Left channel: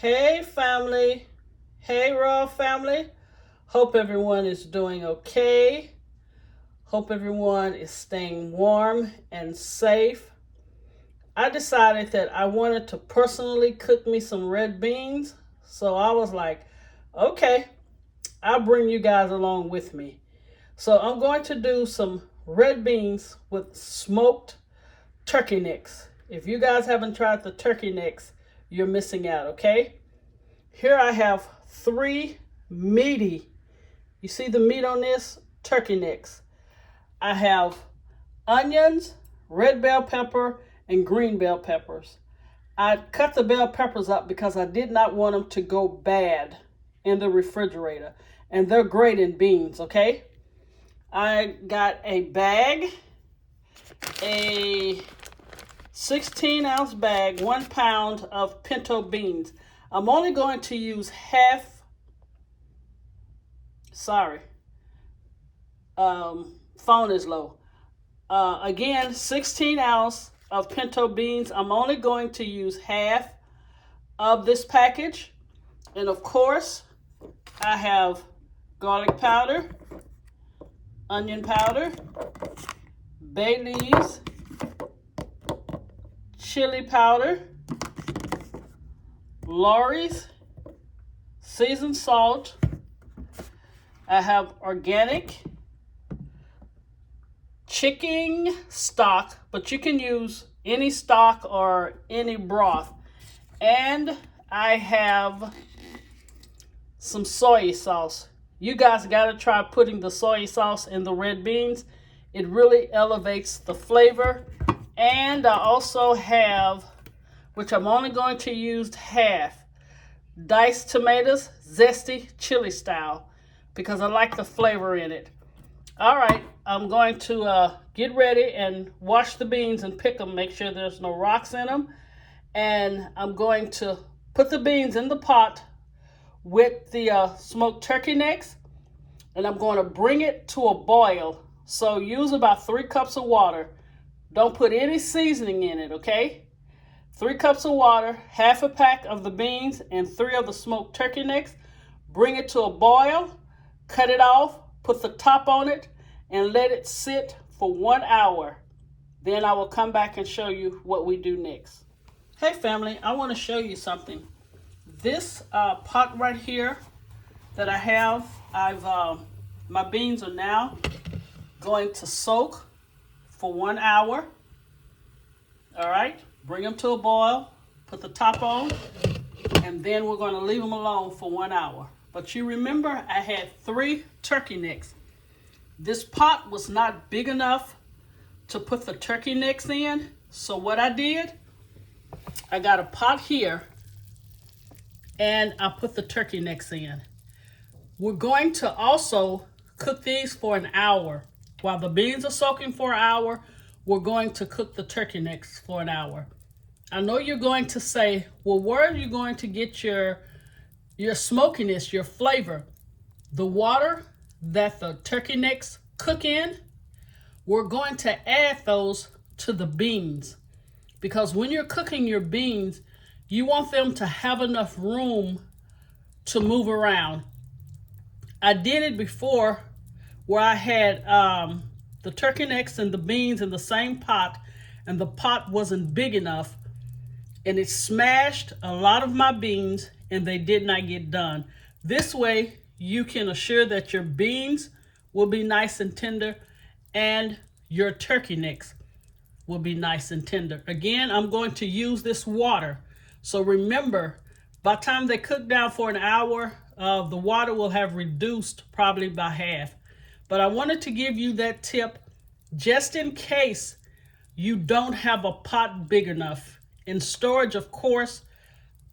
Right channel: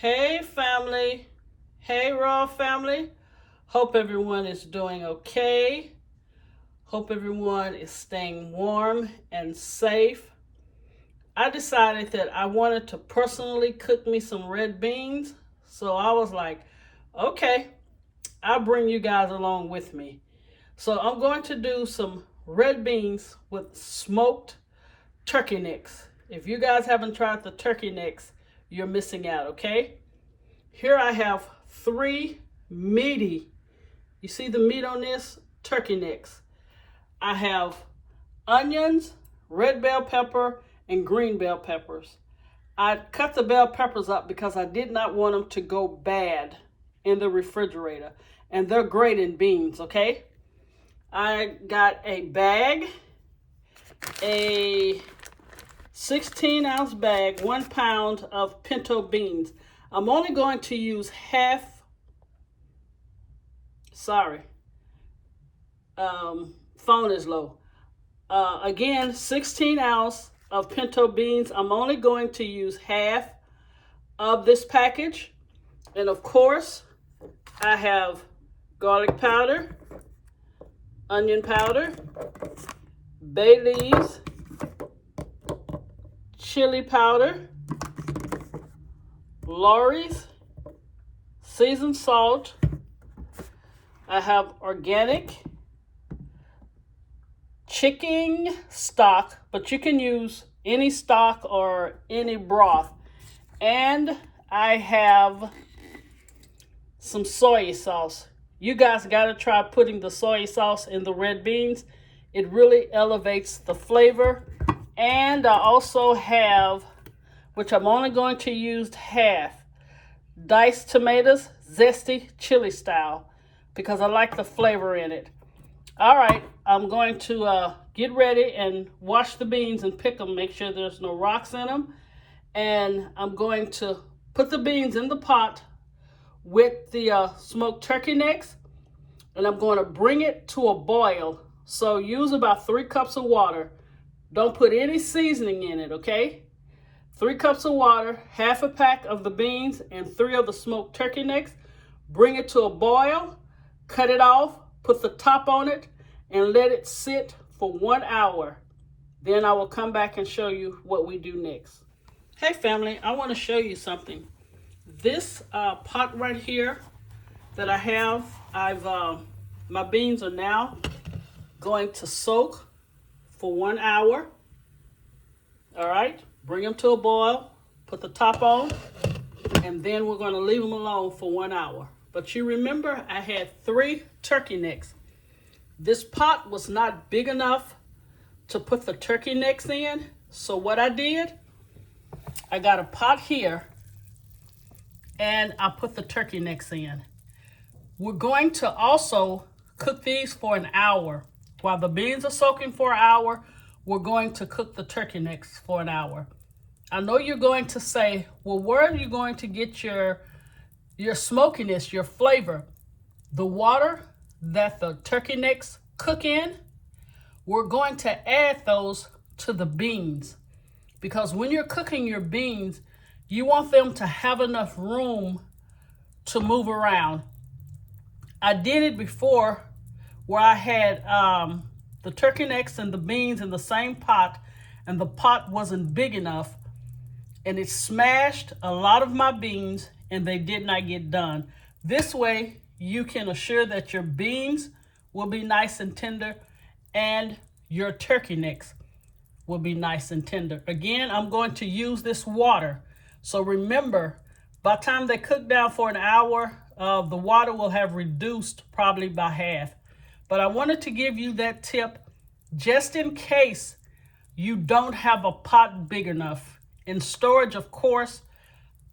Hey family, hey Raw family. Hope everyone is doing okay. Hope everyone is staying warm and safe. I decided that I wanted to personally cook me some red beans. So I was like, okay, I'll bring you guys along with me. So I'm going to do some red beans with smoked turkey necks. If you guys haven't tried the turkey necks, you're missing out, okay? Here I have 3 meaty, you see the meat on this? Turkey necks. I have onions, red bell pepper, and green bell peppers. I cut the bell peppers up because I did not want them to go bad in the refrigerator. And they're great in beans, okay? I got a bag, a 16-ounce bag, 1 pound of pinto beans. I'm only going to use half, phone is low. Again, 16 ounce of pinto beans. I'm only going to use half of this package. And of course, I have garlic powder, onion powder, bay leaves, chili powder, Lawry's, seasoned salt. I have organic chicken stock, but you can use any stock or any broth. And I have some soy sauce. You guys got to try putting the soy sauce in the red beans. It really elevates the flavor. And I also have, which I'm only going to use half, diced tomatoes, zesty chili style, because I like the flavor in it. All right, I'm going to get ready and wash the beans and pick them, make sure there's no rocks in them. And I'm going to put the beans in the pot with the smoked turkey necks, and I'm going to bring it to a boil. So use about 3 cups of water. Don't put any seasoning in it, okay? 3 cups of water, half a pack of the beans, and 3 of the smoked turkey necks. Bring it to a boil, cut it off, put the top on it, and let it sit for 1 hour. Then I will come back and show you what we do next. Hey family, I want to show you something. This pot right here that I have, my beans are now going to soak for 1 hour. All right. Bring them to a boil, put the top on, and then we're going to leave them alone for 1 hour. But you remember I had 3 turkey necks. This pot was not big enough to put the turkey necks in. So what I did, I got a pot here and I put the turkey necks in. We're going to also cook these for an hour. While the beans are soaking for an hour, we're going to cook the turkey necks for an hour. I know you're going to say, well, where are you going to get your smokiness, your flavor? The water that the turkey necks cook in, we're going to add those to the beans. Because when you're cooking your beans, you want them to have enough room to move around. I did it before where I had the turkey necks and the beans in the same pot, and the pot wasn't big enough, and it smashed a lot of my beans and they did not get done. This way you can assure that your beans will be nice and tender and your turkey necks will be nice and tender. Again, I'm going to use this water. So remember, by the time they cook down for an hour, the water will have reduced probably by half. But I wanted to give you that tip just in case you don't have a pot big enough. In storage, of course,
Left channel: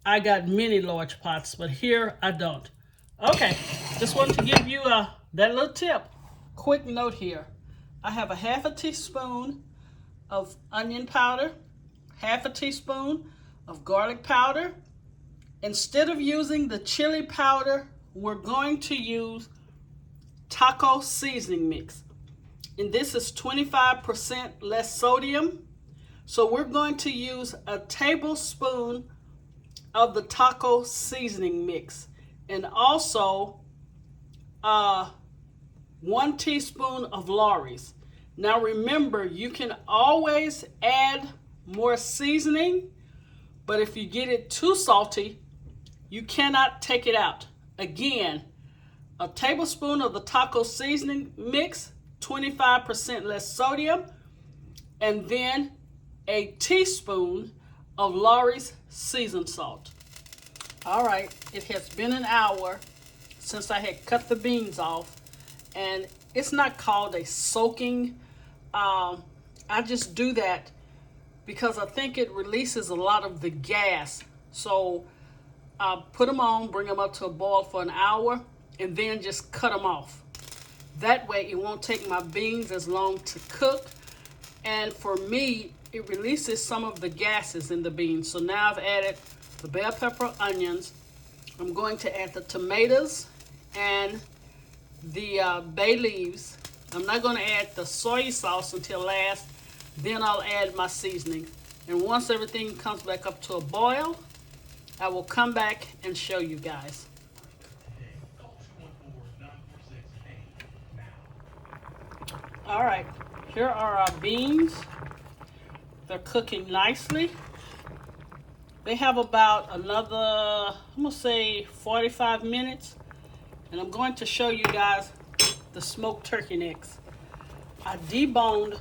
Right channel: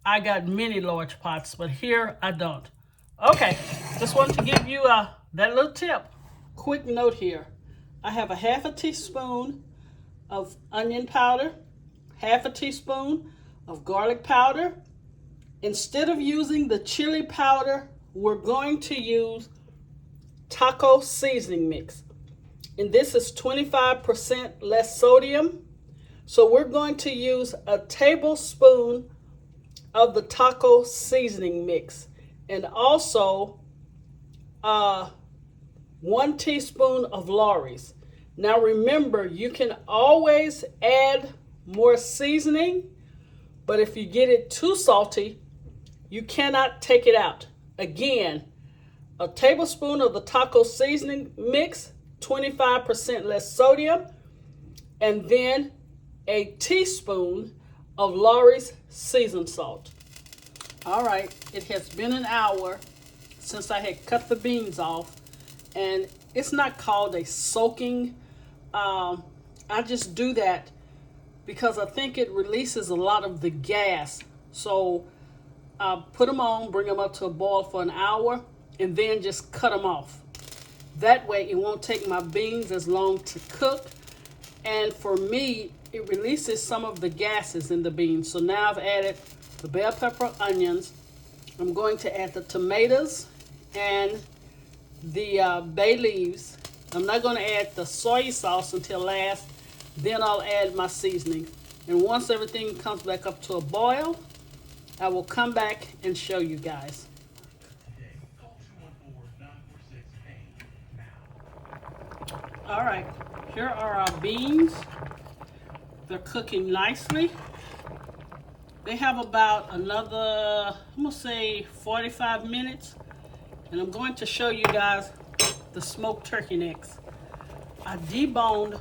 I got many large pots, but here I don't. Okay, just wanted to give you that little tip. Quick note here. I have a half a teaspoon of onion powder, half a teaspoon of garlic powder. Instead of using the chili powder, we're going to use taco seasoning mix. And this is 25% less sodium. So we're going to use a tablespoon of the taco seasoning mix, and also 1 teaspoon of Lawry's. Now remember, you can always add more seasoning, but if you get it too salty, you cannot take it out. Again, a tablespoon of the taco seasoning mix, 25% less sodium, and then a teaspoon of Lawry's seasoned salt. All right, it has been an hour since I had cut the beans off, and it's not called a soaking. I just do that because I think it releases a lot of the gas. So I put them on, bring them up to a boil for an hour, and then just cut them off. That way it won't take my beans as long to cook. And for me, it releases some of the gases in the beans. So now I've added the bell pepper, onions. I'm going to add the tomatoes and the bay leaves. I'm not going to add the soy sauce until last. Then I'll add my seasoning. And once everything comes back up to a boil, I will come back and show you guys. All right, here are our beans. They're cooking nicely. They have about another, I'm gonna say 45 minutes. And I'm going to show you guys the smoked turkey necks. I deboned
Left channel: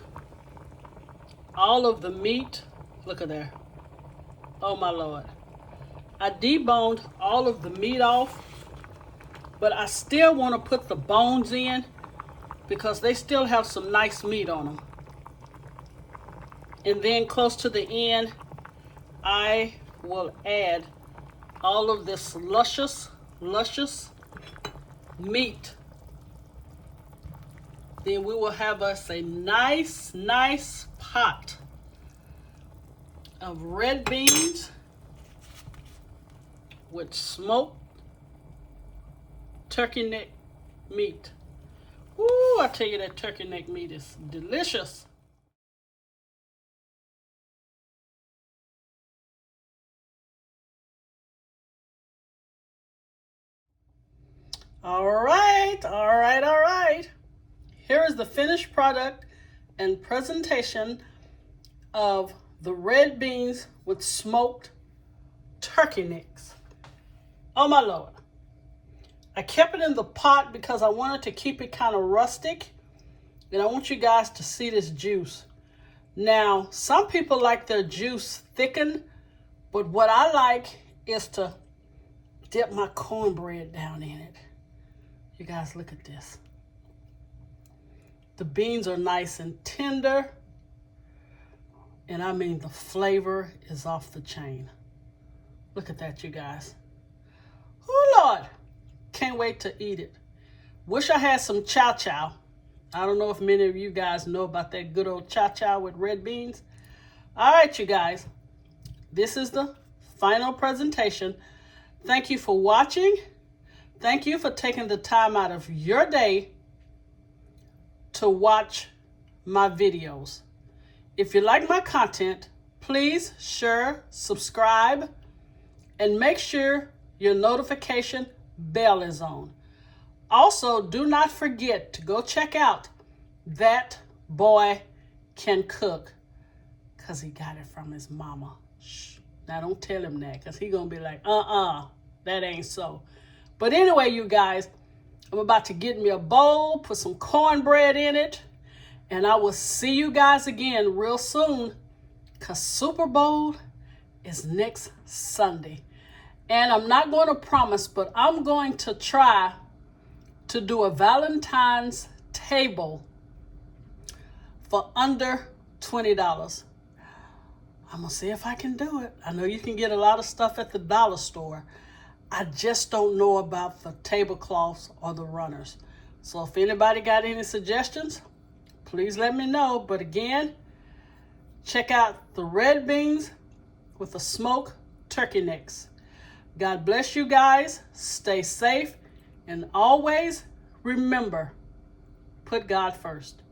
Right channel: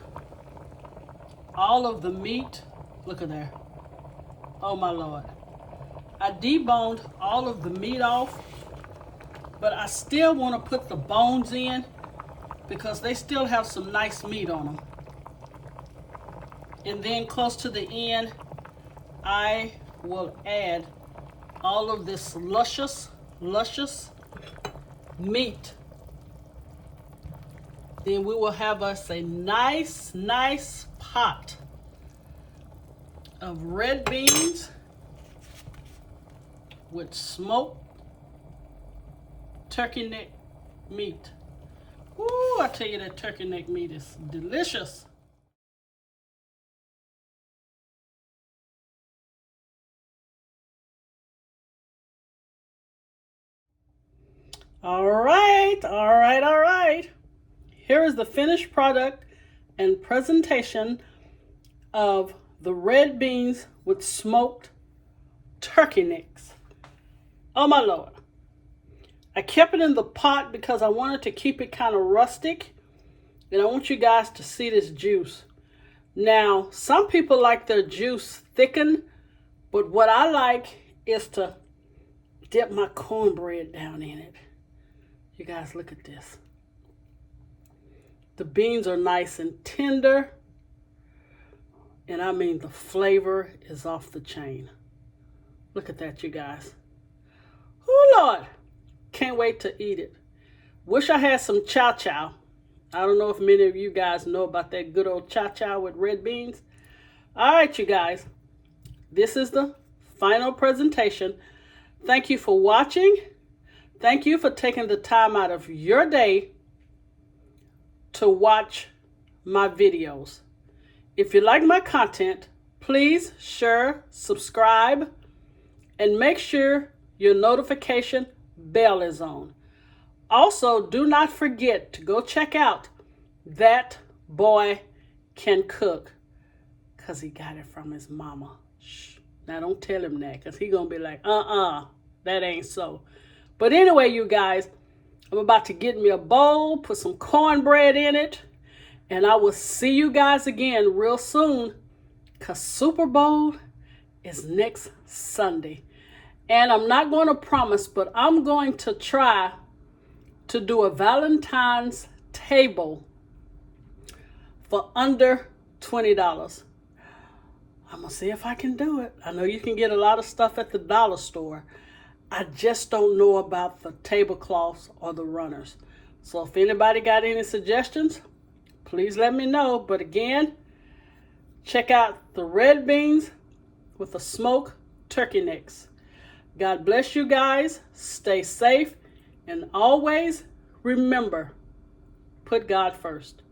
all of the meat. Look at there. Oh my Lord. I deboned all of the meat off, but I still want to put the bones in because they still have some nice meat on them. And then close to the end, I will add all of this luscious meat. Then we will have us a nice pot of red beans with smoked turkey neck meat. Ooh, I tell you, that turkey neck meat is delicious. All right. Here is the finished product and presentation of the red beans with smoked turkey necks. Oh my Lord. I kept it in the pot because I wanted to keep it kind of rustic, and I want you guys to see this juice. Now, some people like their juice thickened, but what I like is to dip my cornbread down in it. You guys, look at this. The beans are nice and tender, and I mean the flavor is off the chain. Look at that, you guys. Oh Lord, can't wait to eat it. Wish I had some chow. I don't know if many of you guys know about that good old chow with red beans. All right, you guys, this is the final presentation. Thank you for watching. Thank you for taking the time out of your day to watch my videos. If you like my content, please share, subscribe, and make sure your notification bell is on. Also, do not forget to go check out That Boy Can Cook, because he got it from his mama. Shh. Now don't tell him that, because he's going to be like, that ain't so. But anyway, you guys, I'm about to get me a bowl, put some cornbread in it, and I will see you guys again real soon, because Super Bowl is next Sunday. And I'm not going to promise, but I'm going to try to do a Valentine's table for under $20. I'm going to see if I can do it. I know you can get a lot of stuff at the dollar store. I just don't know about the tablecloths or the runners. So if anybody got any suggestions, please let me know. But again, check out the red beans with the smoked turkey necks. God bless you guys. Stay safe. And always remember, put God first.